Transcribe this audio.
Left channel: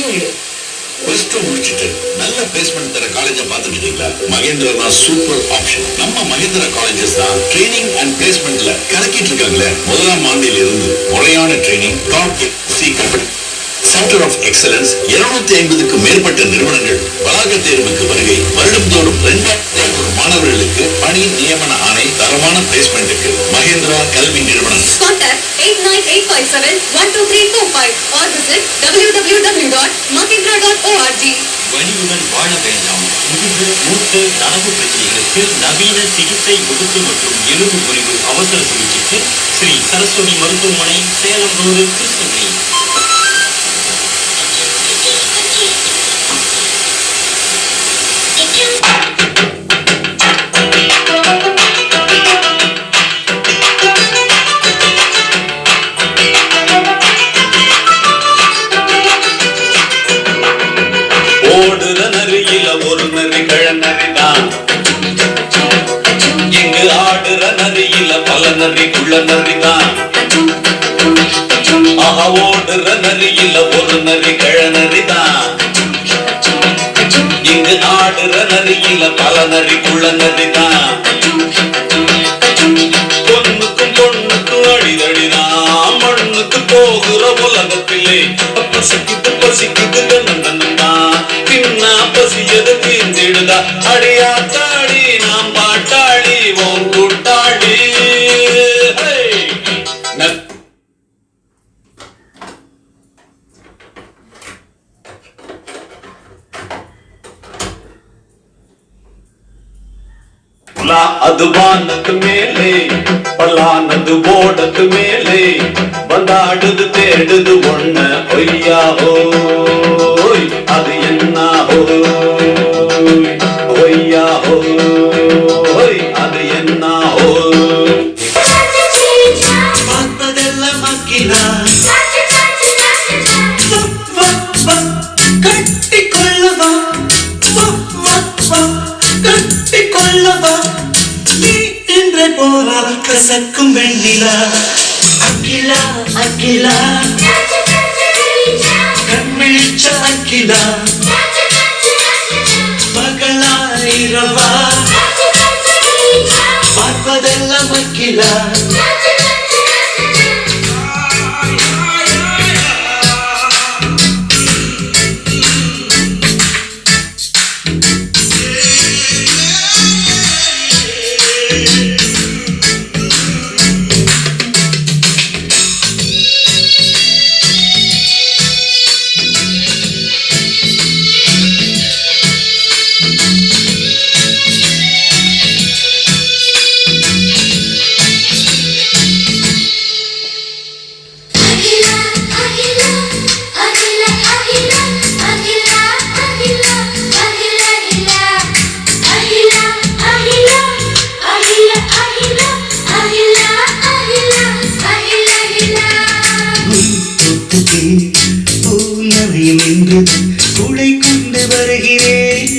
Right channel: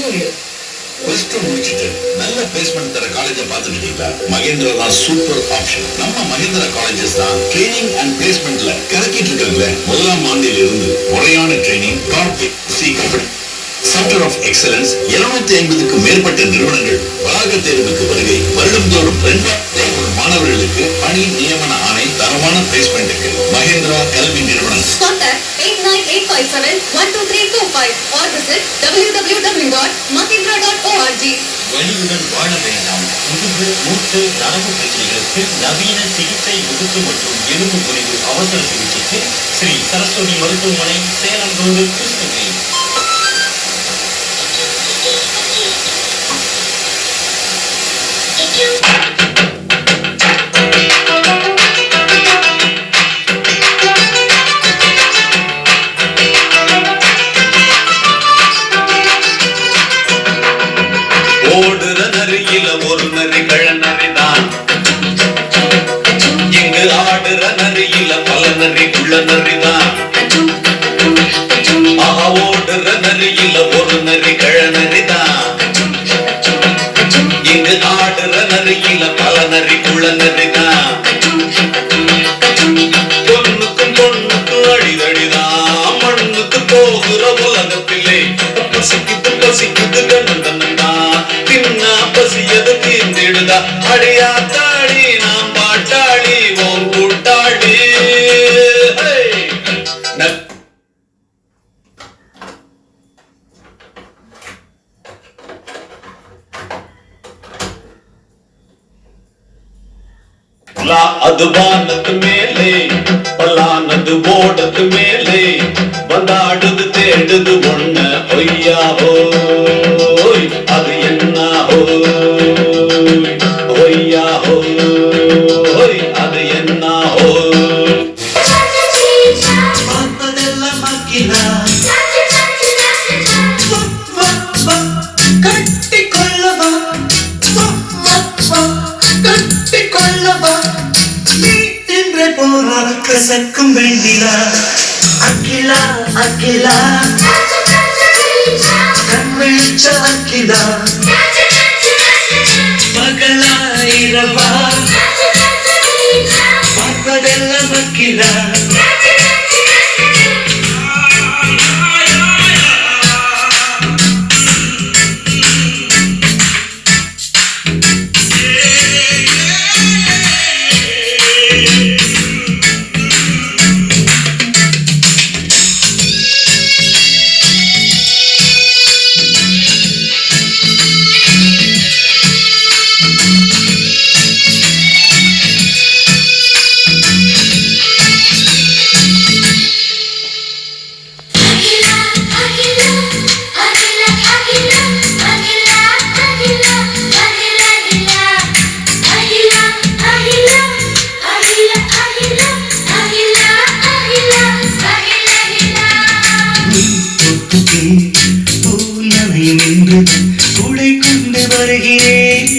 Plus two முடிச்சுட்டு நல்ல placement தர காலேஜை பார்த்துட்டு இருக்கீங்களா? மகேந்திரா தான் சூப்பர் ஆப்ஷன். நம்ம மகேந்திரா காலேஜஸ் தான் ட்ரைனிங் அண்ட் பிளேஸ்மெண்ட்ல கலக்கிட்டு இருக்காங்களே. முதலாம் ஆண்டில் இருந்து முறையான training, top company, centre of excellence, 250க்கு மேற்பட்ட நிறுவனங்கள், வளாக தேர்வுக்கு வருகை, வருடந்தோறும் 2000 மாணவர்களுக்கு பணி நியமன ஆணை, தரமான பிளேஸ்மெண்ட்டுக்கு மகேந்திரா கல்வி நிறுவனம். Contact 8985712345 or visit www.mahindra.org. வலியுடன் வாழ வேண்டாம். முதுகு மூட்டு நரம்பு பிரச்சனைகளுக்கு நவீன சிகிச்சை முதுகு மற்றும் எலும்பு முறிவு அவசர சிகிச்சைக்கு ஸ்ரீ சரஸ்வதி மருத்துவமனை, சேலம் ரோடு, கிருஷ்ணகிரி. ஓடுற நரியில ஒரு நரி கழநரிதான், இங்கு ஆடுற நரியில பல நரி குள்ள நரிதான். ஓடுற நரியில ஒரு நரி கழநரிதான், இங்கு ஆடுற நரியில பல நரி குள்ள நரிதான். பொண்ணுக்கும் பொண்ணுக்கும் அடிதடிதான், மண்ணுக்கு போகிற உலகத்திலே பசிக்குது பசிக்குது கண்ணந்தான். பின்னா பசியது தீர்ந்திடுதா அடியா தாடி, நாம் பாட்டாளி ஓம் கூட்டாளி. அது வானத்து மேலே பல்லானது ஓடத்து மேலே வந்தாடுது தேடுது ஒண்ண ஒய்யா ஹோய், அது என்ன ஹோய், ஒய்யா ஹோய், அது என்ன ஹோய். பார்த்ததெல்லாம் அக்கிலா கட்டிக்கொள்ளவா, கட்டிக்கொள்ளவா, நீ இன்றை போனால் கசக்கும் வெண்ணிலா. அக்கிலா அக்கிலா கண்விழிச்ச அக்கிலா, பகலா இரவா பார்ப்பதெல்லாம் அக்கிலா. கூடை கொண்டு வருகிறேன்,